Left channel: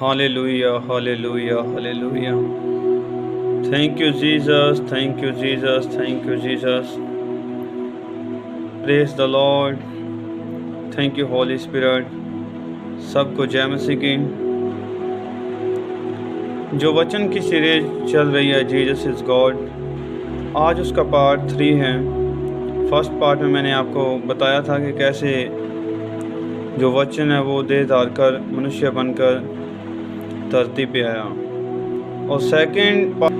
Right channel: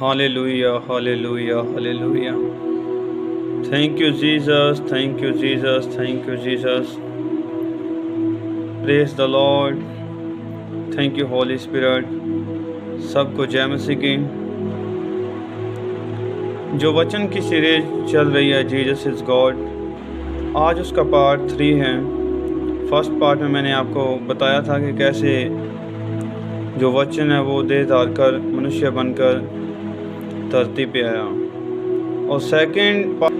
Hallelujah, hallelujah, hallelujah. Thank you, Jesus. Thank you, Jesus. Thank you, Jesus. Praise the Lord. Thank you, Holy Spirit. सबको जय मसीह की। जो वचन की series चल रही है जीसस इज़ गॉड, आज उसका पार्ट 3 है। फर्स्ट पार्ट में मैंने आपको बताया था कि कैसे जो वचन है वो देह धार कर मनुष्य बनकर धरती पे आया, और सेकंड पार्ट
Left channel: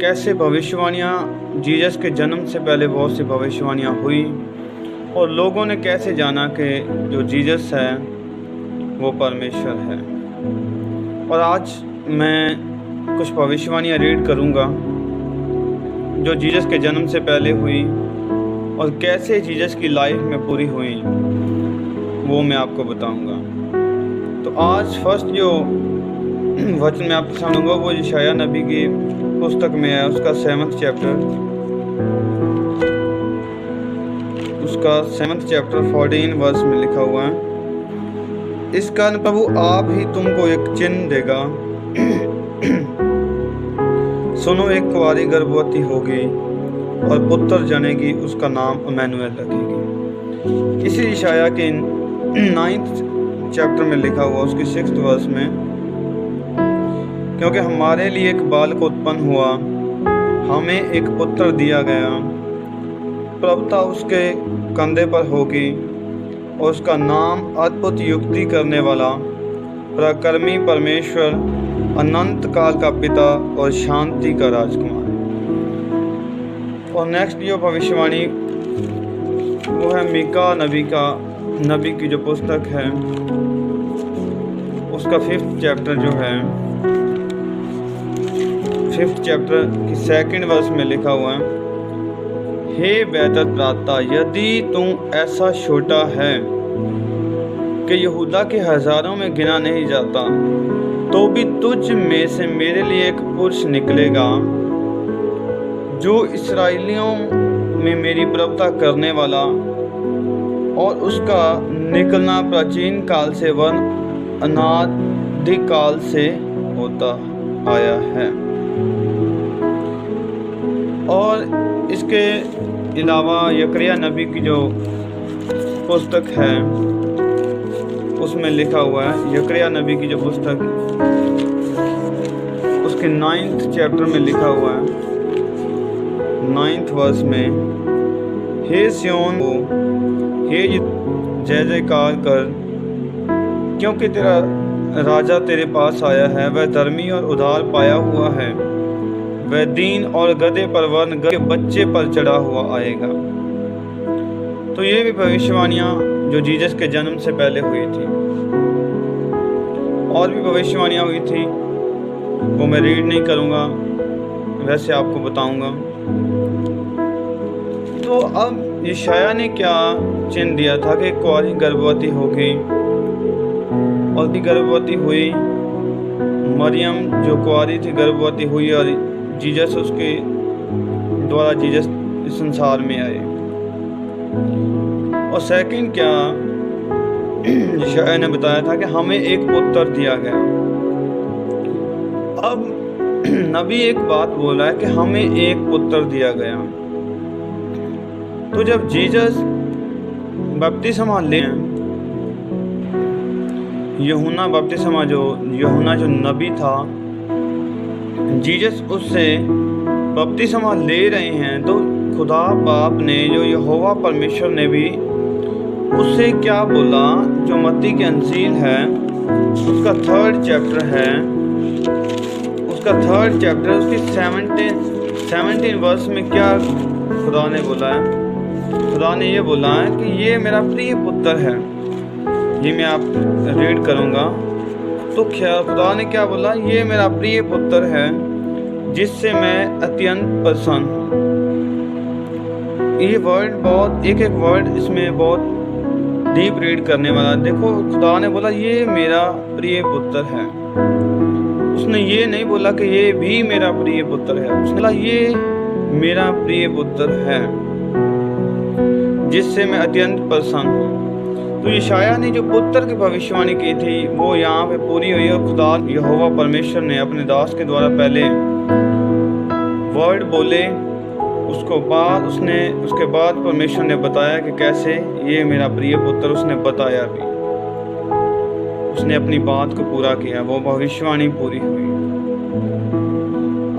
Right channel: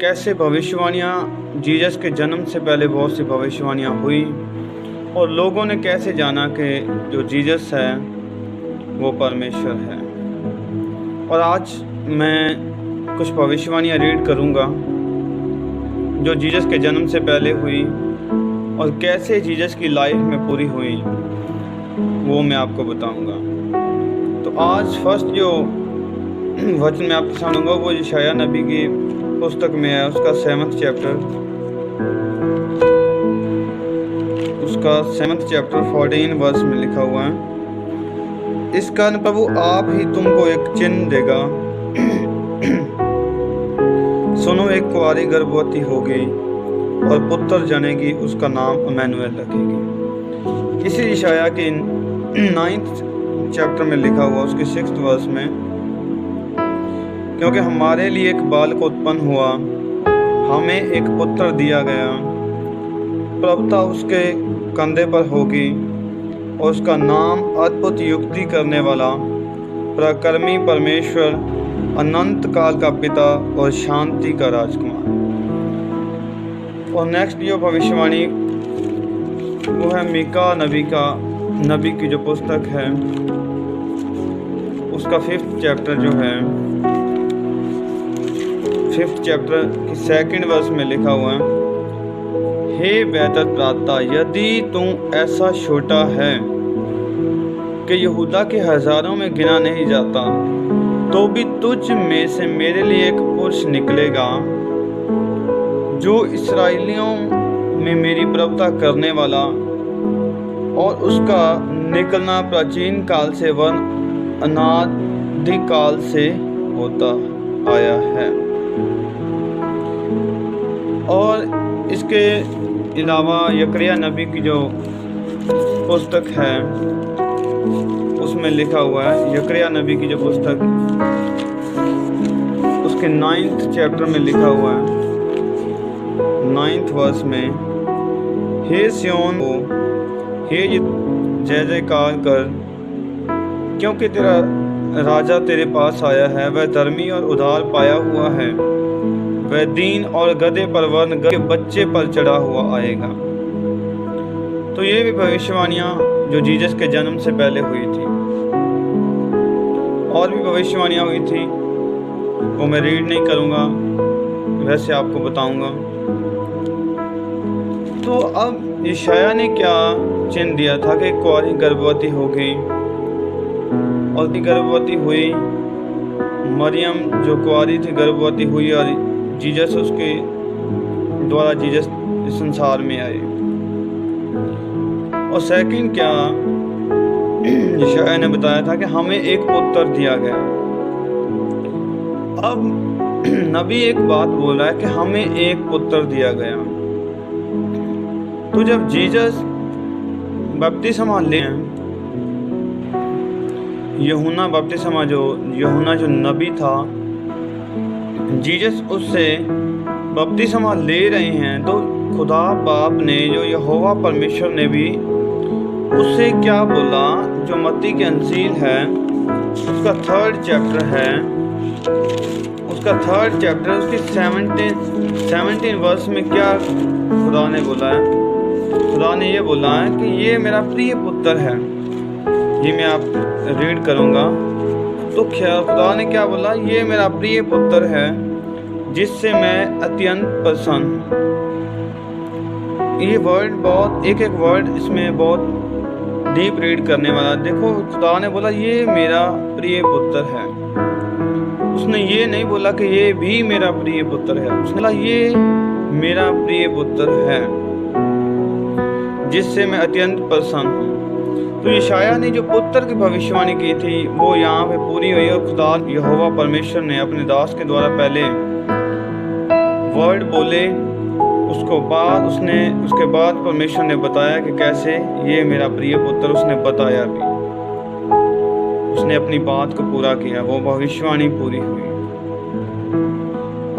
कैसे भविष्यवाणियाँ जीसस के जन्म से पहले बहुत सी भविष्यवाणियाँ हुई और लोगों ने कैसे जाना कि जो जीसस है वो परमेश्वर है। और आज मैं कुछ भविष्यवाणियाँ रीड करूँगा जो जीसस के जन्म से पहले हुई और कैसे जीसस की लाइफ में पूरी हुई, वो मैं आपको बताऊँगा। तो आज फर्स्ट जो वचन मैं आपके सामने दूँगा वो यशायाह नबी की पुस्तक में है, उसका 7th चैप्टर 14 वर्स में लिखा हुआ है, इस कारण प्रभु आप ही तुमको एक चिन्ह देगा, सुनो एक कुंवारी गर्भवती होगी और पुत्र जनेगी, उसका नाम इम्मानुएल रखेगी। इसी यशायाह के 9th चैप्टर में लिखा हुआ उसके 6th वर्स में, क्योंकि हमारे लिए एक बालक उत्पन्न हुआ, हमें एक पुत्र दिया गया, प्रभुता उसके कंधे पर होगी और उसका नाम अद्भुत युक्ति करने वाला, पराक्रमी परमेश्वर, अनंत काल का पिता और शांति का राजकुमार। और नेक्स्ट जो भविष्यवाणी वो है मीका नबी की जो पुस्तक है उसका 5th चैप्टर जो है 5th चैप्टर की 2nd वर्स में लिखा हुआ है, हे बेहतर प्राता, यदि तू ऐसा छोटा है कि यहूदा के हजारों में गिना नहीं जाता, तो भी तुझ में से मेरे लिए एक पुरुष निकलेगा जो इसराइलियों में मेरी प्रभुता करने वाला, और उसका निकलना प्राचीन काल से वन अनादि काल से होता आया है। और इसके अलावा यकरिया नबी की जो पुस्तक है उसमें लिखा हुआ है, यकरिया नबी की जो पुस्तक उसके 9th चैप्टर में लिखा हुआ है 9th वर्स में, हे सियोन को हे जय जयकार कर, क्योंकि तेरा राजा तेरे पास आया है, वह धर्मी और उधार पाया हुआ है, वह दीन और गधे पर वर्ण के बच्चे पर चढ़ा हुआ आएगा। तो ये भी भविष्यवाणियाँ जो जीसस के जन्म से पहले हुई थी। और भी भविष्यवाणियाँ हुई थी, वो मैं रीड नहीं करूँगा, वैसे आपको बताऊँगा। तो अब यशायाह ने क्या चिन्ह दिया था कि कुंवारी गर्भवती होगी, और भी गर्भवती हुई, मरियम जो कुंवारी थी गर्भवती हुई, और जीसस उसके द्वारा जीसस इस संसार में आए। और सेकंड क्या यशायाह ने बताया था कि हमें एक पुत्र दिया गया। अब नबी एक बात बोला है कि हमें एक पुत्र दिया गया। तो जब जीसस बपतिस्मा ले यूहन्ना जो नबी था, जीसस उससे बपतिस्मा ले रहे हैं, तो खुदा बाप ने जो यहोवा परमेश्वर ने भी उससे क्या बोला, जो मत्ती की अंजील है उसका 3rd चैप्टर है, उसका 3rd चैप्टर उसकी 17 वर्स में क्या खुदा ने बोला है। खुदा ने ये बोला है कि ये मेरा प्रिय पुत्र है। ये मैं आप रीड करूँगा। तो खुदा ने क्या बोला, ये मेरा प्रिय पुत्र है जिससे मैं अत्यंत प्रसन्न हूँ। ये वर्ड बहुत एक वर्ड इसमें बहुत डीप रीड करने वाला। देखो खुदा ने बोला ये मेरा प्रिय पुत्र है, उसने ये नहीं बोला कि ये भी मेरा प्रिय पुत्र है, उसने बोला ये मेरा प्रिय पुत्र है जिससे मैं अत्यंत प्रसन्न हूँ। तो यशायाह ने जो पुत्र की भविष्यवाणी की थी वो यहाँ पे पूरी हुई और खुदा यहोवा परमेश्वर ने अपने दास के द्वारा पहले वर्ड बोले, उसके बाद परमेश्वर ने बताया कि कैसे ये मेरा प्रिय पुत्र, उसने बताया भी, उसने अपनी बात को पूरा किया, वो भविष्यवाणी पूरी हुई।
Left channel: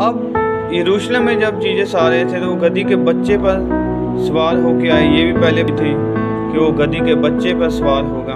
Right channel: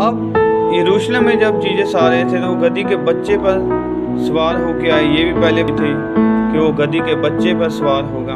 अब यरूशलेम में जब जीसस आ रहे थे तो वो गधी के बच्चे पर सवार होके आए। ये भी पहले भी थे कि वो गधी के बच्चे पर सवार होगा,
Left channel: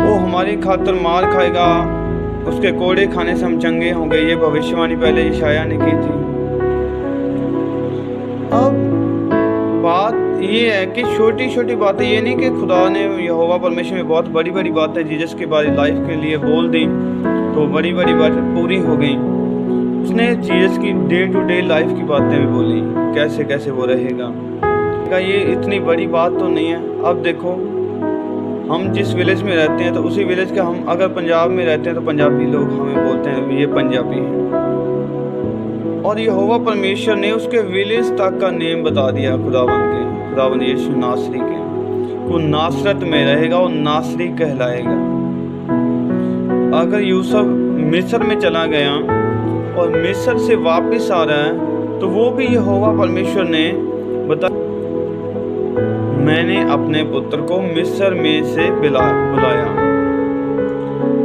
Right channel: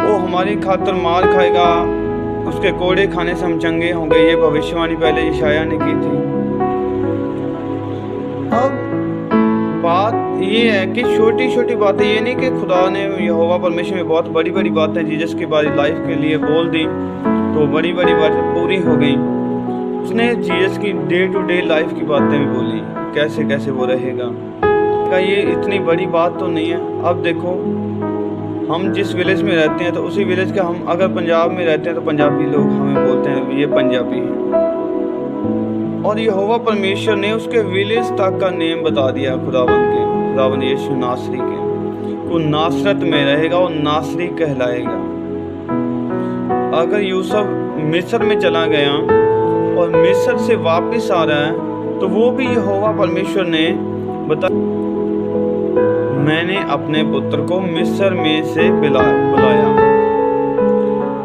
वो हमारी खातिर मार खाएगा, उसके कोड़े खाने से हम चंगे होंगे। ये भविष्यवाणी पहले यशायाह ने की थी। अब बात ये है कि छोटी छोटी बातें, ये नहीं कि खुदा ने यहोवा परमेश्वर में बहुत बड़ी बड़ी बातें जीसस की बारी लाइफ के लिए बोल दी तो बड़ी बड़ी बातें पूरी हो गई। उसने जीसस की डे टू डे लाइफ की बातें भी बोली, कैसे कैसे वो रहेगा। ये इतनी बड़ी बात तो नहीं है। अब देखो, हम जिस विलेज में रहते हैं तो उसी विलेज का, हम अगर पंजाब में रहते हैं तो पंजाबी लोग हमें बोलते हैं ये पंजाबी है, और यहोवा परमेश्वर ने उसके विलेज तक का नेम बता दिया खुदावंद यीशु नासरी के। वो नासरत में रहेगा, वो नासरी कहलाएगा। अगर यूसुफ मिस्र में चला गया और मिस्र से वापस आ रहा है तो वो भी यहोवा परमेश्वर ने बता, मैंने अपने पुत्र को मिस्र में से बुलाया।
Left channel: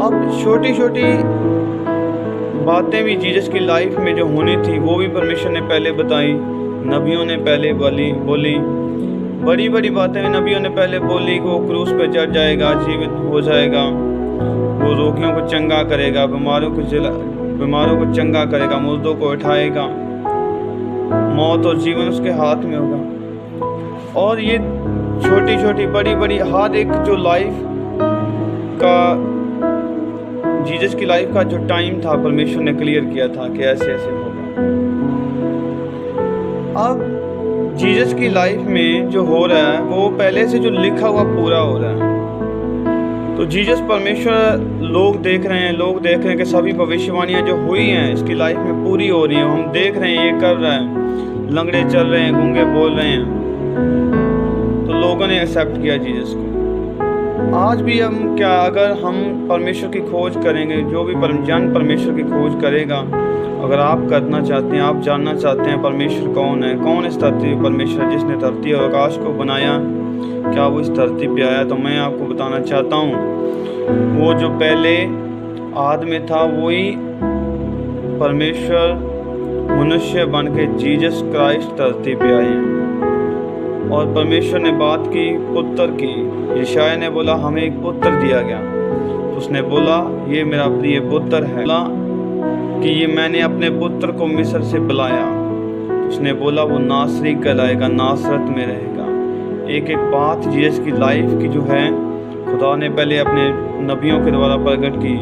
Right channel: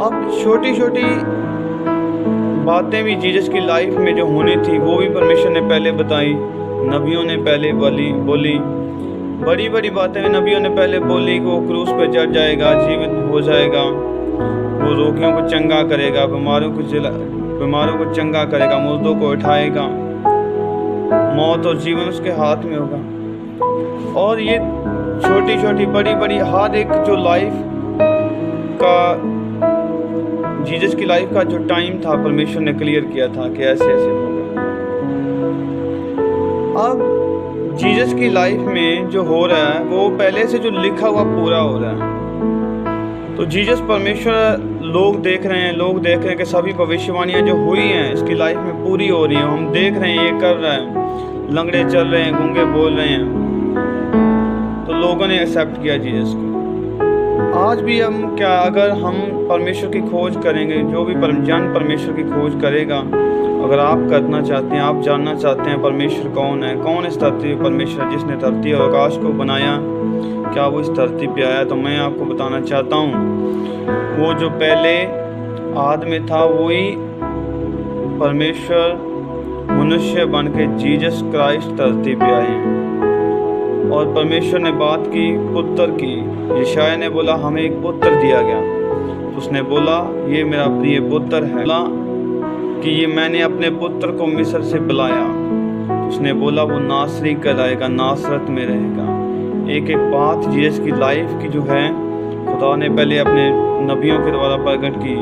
अब छोटी छोटी बातें भी जीसस की लाइफ में जो होनी थी वो भी परमेश्वर ने पहले बताई, नबियों ने पहले बोली। बड़ी बड़ी बातें नबियों ने पहले बोली कि वो क्रूस पे चढ़ जाएगा, जीवित हो जाएगा, वो रोगियों को चंगा करेगा, बीमारों को चंगा करेगा, मुर्दों को उठाएगा, मौत और जीवन उसके हाथ में होगा। और ये छोटी छोटी बड़ी बड़ी हर एक जो लाइफ का, जीसस की लाइफ का जो टाइम था परमेश्वर ने क्लियर किया था कि ऐसे ऐसे होगा। अब जीसस की लाइफ में जो हो रहा है वो पहले से जो लिखा हुआ पूरा हो रहा है। तो जीसस परमेश्वर लोग देख रहे हैं कि सभी भविष्यवाणियां जो हुई हैं इसकी लाइफ में पूरी हो रही हैं। हम देख रहे हैं ये कर रहा है, लंगड़े चल रहे हैं, गूंगे बोल रहे हैं, तो लोगों ने एक्सेप्ट किया जीसस को। आज भी हम क्या, अगर हम परमेश्वर की खोज करेंगे, जो भी जन परमेश्वर की खोज करेगा, अगर आप करना चाहते हैं, आप जानना चाहते हैं परमेश्वर कौन है, कौन इस धरती पर परमेश्वर जिसने धरती और आकाश को बनाया, क्या वो इस धरती पे आया, तो मैं आपको बताना चाहता हूँ वो जो पहले आदमी था वही परमेश्वर मनुष्य बन के जीसस क्राइस्ट धरती पे आए हैं। और परमेश्वर ने बात की पुत्र की, यशायाह ने बोला हमें एक पुत्र दिया गया, तो उसने बोला ये मेरा प्रिय पुत्र है, बोला कि ये मैंने अपने पुत्र को मिस्र से बुलाया, तो उसने बोला वो नासरी कहलाएगा, नासरत में रहेगा। एक एक बात जीसस की लाइफ की जो है खुदा ने पहले अपने नबियों के द्वारा प्रकट की,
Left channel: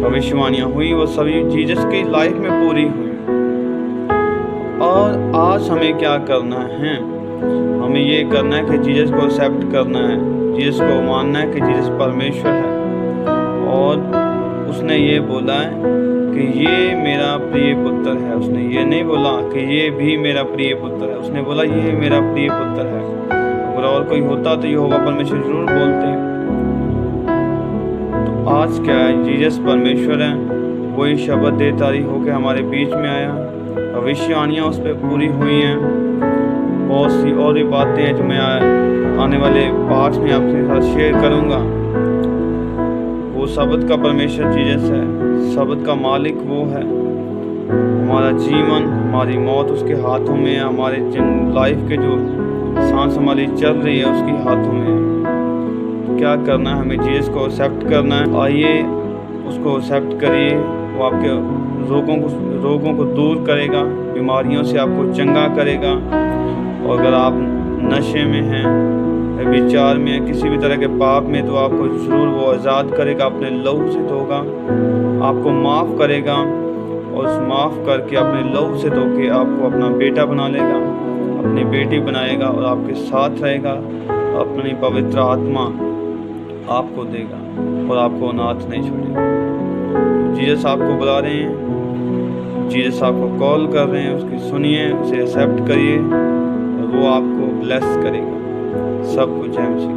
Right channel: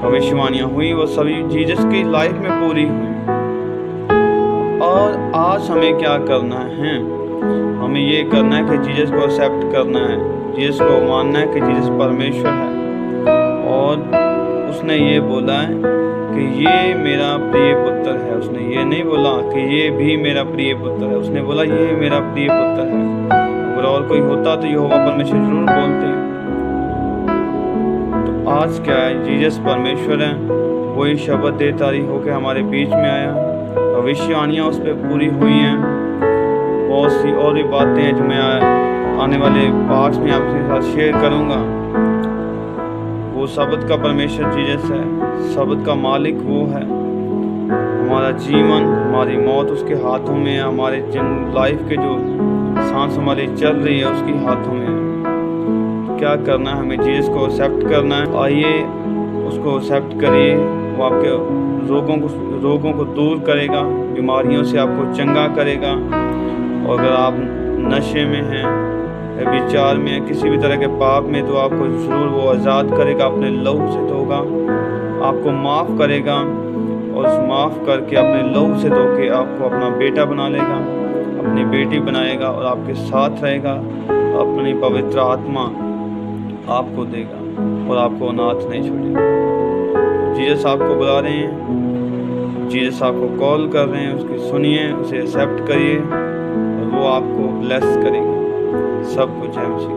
भविष्यवाणियाँ हुई, वो सभी जीसस की लाइफ में पूरी हुई। और आज हमें क्या करना है, हमें ये करना है कि जीसस को एक्सेप्ट करना है, जीसस को मानना है कि जीसस परमेश्वर है। और उसने ये बोला है कि ये मेरा प्रिय पुत्र है, उसने ये नहीं बोला कि ये भी मेरा प्रिय पुत्र है, उसने बोला ये मेरा प्रिय पुत्र है। अगर और कोई होता तो यहोवा परमेश्वर जरूर बोलते हैं। तो आज क्या है, जीसस परमेश्वर है, वही शब्द देहधारी होकर हमारे बीच में आया, भविष्यवाणियाँ उस पर पूरी हुई हैं। बहुत सी और भी बातें हैं जो मैं आने वाले पाठ में आपके साथ शेयर करूंगा। वो शब्द का परमेश्वर जीसस है, शब्द का मालिक वो है। हमारा जीवन, हमारी मौत उसके हाथों में है, हमारे जिन लाइफ के जो सांस हमारी चल रही है उसके हाथों में है। क्या करना है, हमें जीसस को एक्सेप्ट करना है। आइए उसको एक्सेप्ट करिए, वो आपके रोगों को दूर करेगा, बीमारियों से आपको चंगा करेगा। और अगर आप नशे में हैं, विचार में हैं, किसी भी तरह के पाप में, तो आपको ज़रूर वो आज़ाद करेगा, अपने लहू से धोगा, आपको माफ़ करेगा और उस माफ़ करके अपने लहू से धो के आपको अपना बेटा बना लेगा, अपनी बेटी बनाएगा और आपके साथ रहेगा। अपनी पवित्र आत्मा आपको देगा और आपको अनाथ नहीं छोड़ेगा। जीसस आपको बुला रहे हैं, जीसस आपको कॉल कर रहे हैं, उसकी सुनिए, उसे एक्सेप्ट करिए और वो आपको ब्लेस करेगा। सब कुछ है उसी